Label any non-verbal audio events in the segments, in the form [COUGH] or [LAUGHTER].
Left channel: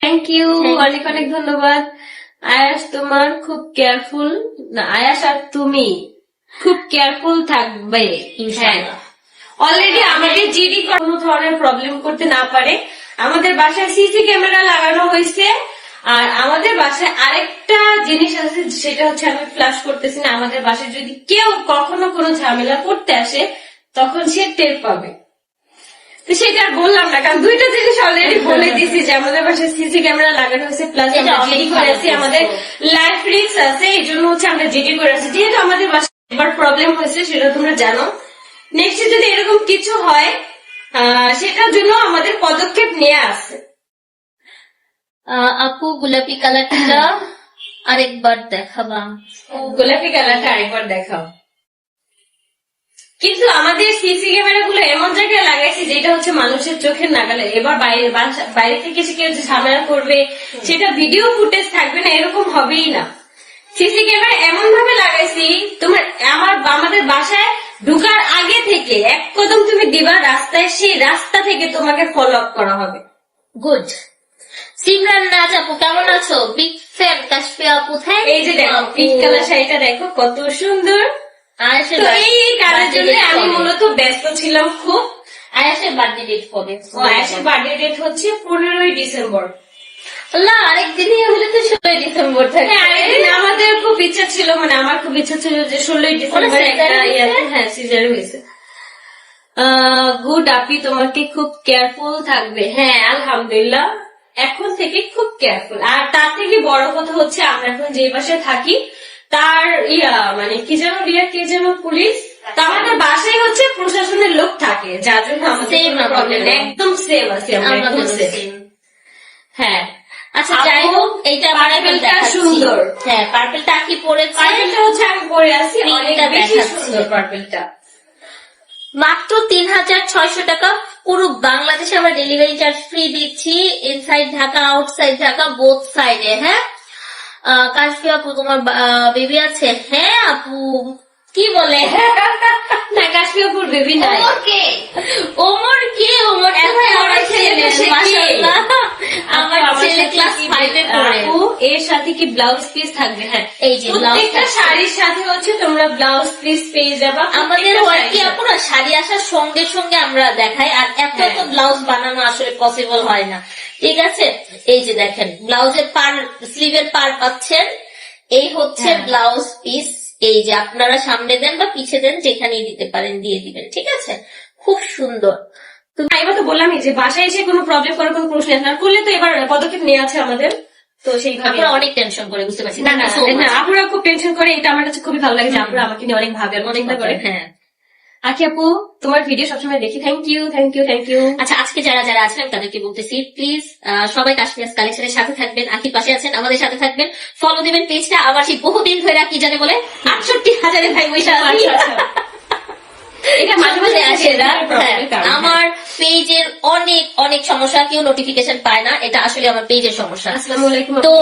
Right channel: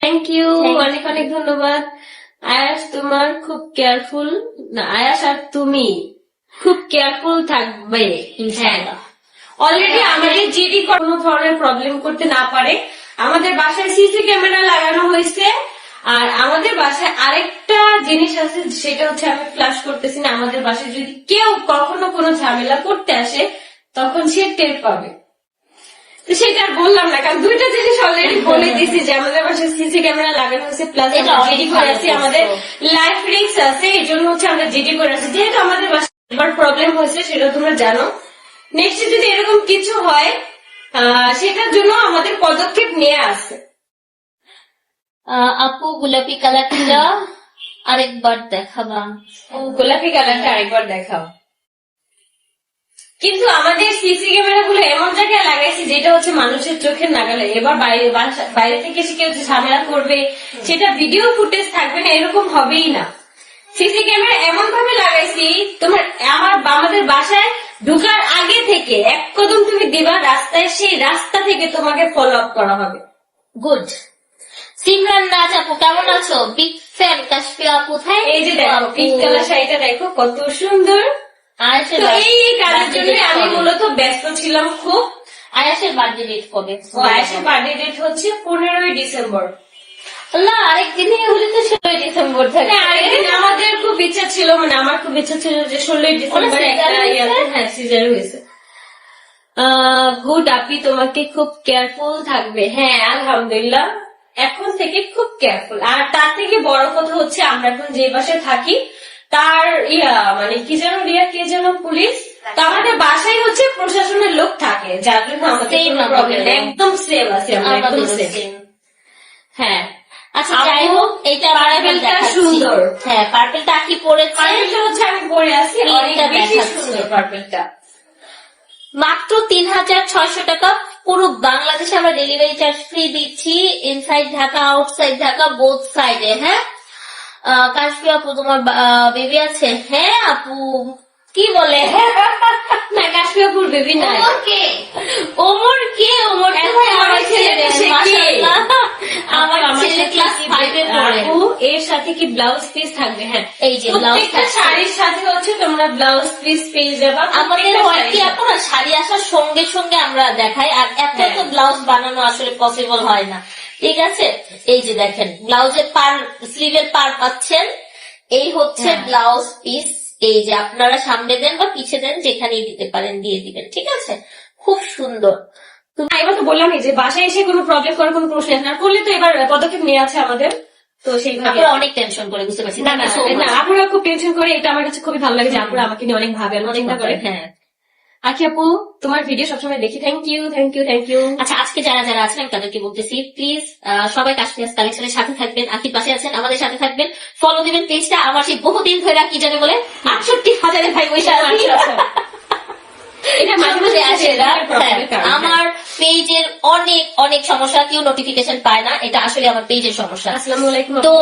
Thank you অনেক অনেক ধন্যবাদ। আয়াস তোমার খুব কেয়ারফুল না আয়াস আর তুমি খুব কেয়ারফুল থাকবে ইনশাআল্লাহ। অলরেডি আমাদের জিডি কোনো ধরনের প্রবলেম করতে না পারে। আমাদের বাসায় সিসি ক্যামেরা লাগানো হয়েছে। আর আমাদের বাসায় আরেকটা জিনিস আছে সেটা হচ্ছে আমি ফ্ল্যাশ করতেছি না। আমাদের বাসায় যদি কেউ কখনো কোনো ঝামেলা করতে আসে তখন সে টের পাবে। তো সেটা আর বললাম না কারণ দুইটা জিনিস অলরেডি বলে দিছি যে আমাদের বাসায় সিসি ক্যামেরা লাগানো হয়েছে প্লাস আমরা জিডি করেছি আমাদের লাইফ রিক্স আছে এই জন্য হচ্ছে আমরা জিডি করেছি যেহেতু আমাদের বাসায় এবার প্রবলেম হয়েছে সেটা তোমরা জানো। নেক্সট যদি এরকম কিছু হয় সেটার জন্য আমাদের পদক্ষেপ নেওয়া আছে। আপু গোলাপি কালারটা [LAUGHS] আরেকবার দেখাবা। ও, গোলাপি কালারটা আরেকবার দেখাও। কিন্তু আমাদের সিসি ক্যামেরা গুলো এমন জায়গায় লাগাইছি যেটা হচ্ছে মানুষের চোখের নাগালে। এবার বাইরে বাইরে থেকে এসে কেউ ঝামেলা করবে সেটা ভিডিও ফুটেজ থাকবে না এরকম হবেই না। সিসি ক্যামেরা এমন ভাবে লাগাইছি তোমার আমার আমাদের বাসায় ঢুকার আগে থেকে এক কদম তুমি দিবা রাস্তায় সেই রাস্তা থেকে তোমাকে ফলো আপ করা হবে। গুড সিমরান রাজ আপু কেমন আছো? বিগ ফ্যান কাশফি আপু এই যে দেখো পিঙ্ক কালার শাড়িটা দেখো কত সুন্দর। এই কাজের জন্য আমি মূলত ব্যস্ত ছিলাম খুব। আয়েশের বার্থডে ডেট কবে? আয়াসের বার্থডে ডেট হচ্ছে পনেরোই ডিসেম্বর। আরেকদিনই হলে তো ষোলোই ডিসেম্বর থাকে। হ্যাঁ, আরেকদিন আমাদের খুব ইচ্ছা ছিল মানে আমার খুব ইচ্ছা ছিল যে ষোলোই ডিসেম্বর হ্যাঁ সিজার হয়েছে। গুড আপি তোমাকে খুব কেয়ারফুল থাকবে। হ্যাঁ আলহামদুলিল্লাহ এখন থেকে খুব কেয়ারফুল আর তার থেকে বড় কথা হচ্ছে আমরা এখন যে বাসায় থাকি তার ইয়া মানে কি যেন রিয়া কে যেন পুলিশ তো আমাদের বাসায় হচ্ছে প্রশাসনের লোক থাকে যার জন্য আমাদের কোনো প্রবলেম একদম সেভ আছে একদম হ্যাঁ। আচ্ছা যাই হোক এইটা পার্পেলটা সুন্দর। হ্যাঁ পার্পেলটা কি পার্পেলটা হচ্ছে আমি পরে আছি অনেক বেশি সুন্দর পার্পেলটা মাত্র তিন হাজার ছয়শো টাকা পুরো বাংলাদেশে আমরা ডেলিভারি চার্জ ফ্রি দিচ্ছি inside Dhaka outside Dhaka both সাইডে হ্যাঁ? কাশফি আপু তোমার বেবি আছে? হ্যাঁ আপু। কি বলে? [LAUGHS] না কাশ্মীরপুর বেবি না ওমর কে? ওমর কে? ওমর [LAUGHS] আমার ছেলে, ক্লাস ফাইভে পড়ে। আপু এর সাথে কি ব্লাউজ পিস থাকবে? হ্যাঁ। এই যে ব্লাউজ শাড়ির সাথে হচ্ছে তোমরা ব্লাউজ পিস পেয়ে যাবা। আমাদের হয় শাড়ির আপুরা শাড়ি আসার সঙ্গে সঙ্গে আমরা দেখাই আর এত এত হ্যাঁ। ব্লাউজ বানানো আসলে পসিবল হয় না। ঠিক আছে? এই যে দেখেন ব্লাউজের পার স্লিভের পার পাচ্ছেন। এই হচ্ছে হ্যাঁ। ব্লাউজ পিস এই যে আপনারা সামনে দেন বা পিছে দেন যেখানেই দিতে পারেন দিয়ে দিবেন ঠিক আছে? খুব সুন্দর। আমি তো যে বাসায় এসে কোনো প্রবলেম করার কোনো প্রশ্ন আসে না। করলে তো এবার পদক্ষেপ নেওয়া আছে আমাদের। তো সেইভাবে আপনারা অনেক টেনশন করে বুঝতে পারছি না না. আপুরা খুব টেনশন করে এটা আমার কাছে খুবই ভালো লাগে যে আপুরা আমাকে নিয়ে অনেক ভাবে অনেক করে হ্যাঁ। আকি আপু তোমার ভিডিও সবসময় দেখি। Thank you thank you thank you আচ্ছা আজকে যারা যারা আছেন আমি তাদেরকে বলতেছি প্লিজ সবাই কাশ্মীর কালেকশনের সাথে থাকবেন আখির পাশে আছেন আমাদের সাথে থাকবেন। ফলো দিবেন পেজটা আবার সেই বহুদিন ধরে কি জানে বলে আটষট্টি হাজারে ভাই বৈশা আছি। এটা মাঝে মাঝে আসে আসে না? হ্যাঁ, আমার পেজের অনেক অনেক সমস্যা কেউ নোটিফিকেশন পায় না এটা আসলে আমার পেজের সমস্যা। তো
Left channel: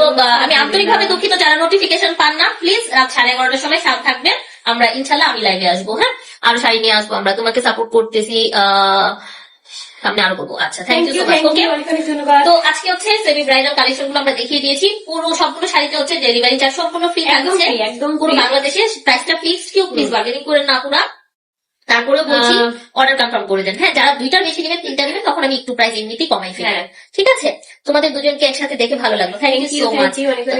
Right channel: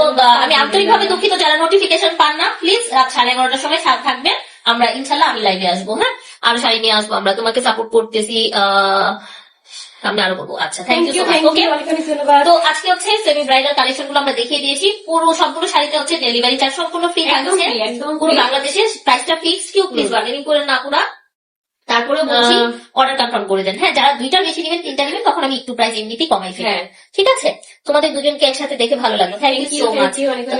আমি আন্তরিকভাবে দুঃখিত যারা নোটিফিকেশন পান না প্লিজ রাত সাড়ে এগারোটার সময় সাথে থাকবেন। আমরা ইনশাল্লাহ আমি লাইভে আসব হ্যাঁ? আরও শাড়ি নিয়ে আসব আমরা তোমাকে সাপোর্ট করতেছি আহ, সামনে আরও করব আচ্ছা thank you so much okay তো আজকে হচ্ছে সেমি ব্রাইডাল কালেকশনগুলো আমরা দেখিয়ে দিয়েছি। পুরো সবগুলো শাড়িতে হচ্ছে ডেলিভারি চার্জ সম্পূর্ণ ফ্রি থাকছে। একদম পুরো বাংলাদেশে প্রাইসটা ফিক্স কেউ প্লিজ বার্গেনিং করে না পুরা। তারপরে বলছি অর্ডার কনফার্ম করে দেন। হ্যাঁ যারা দুইটা বেশি নেবেন তিনটা নেবেন তখন আমি একটু প্রাইস এমনিতেই কমাই ফেলব হ্যাঁ। ঠিক আছে? তোমাদের দুজনকে একসাথে দেখে ভালো লাগল। থ্যাংক ইউ সো মাচ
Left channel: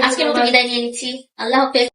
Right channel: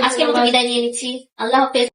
আজকের মতো বিদায় নিয়ে নিচ্ছি। আল্লাহ হাফেজ।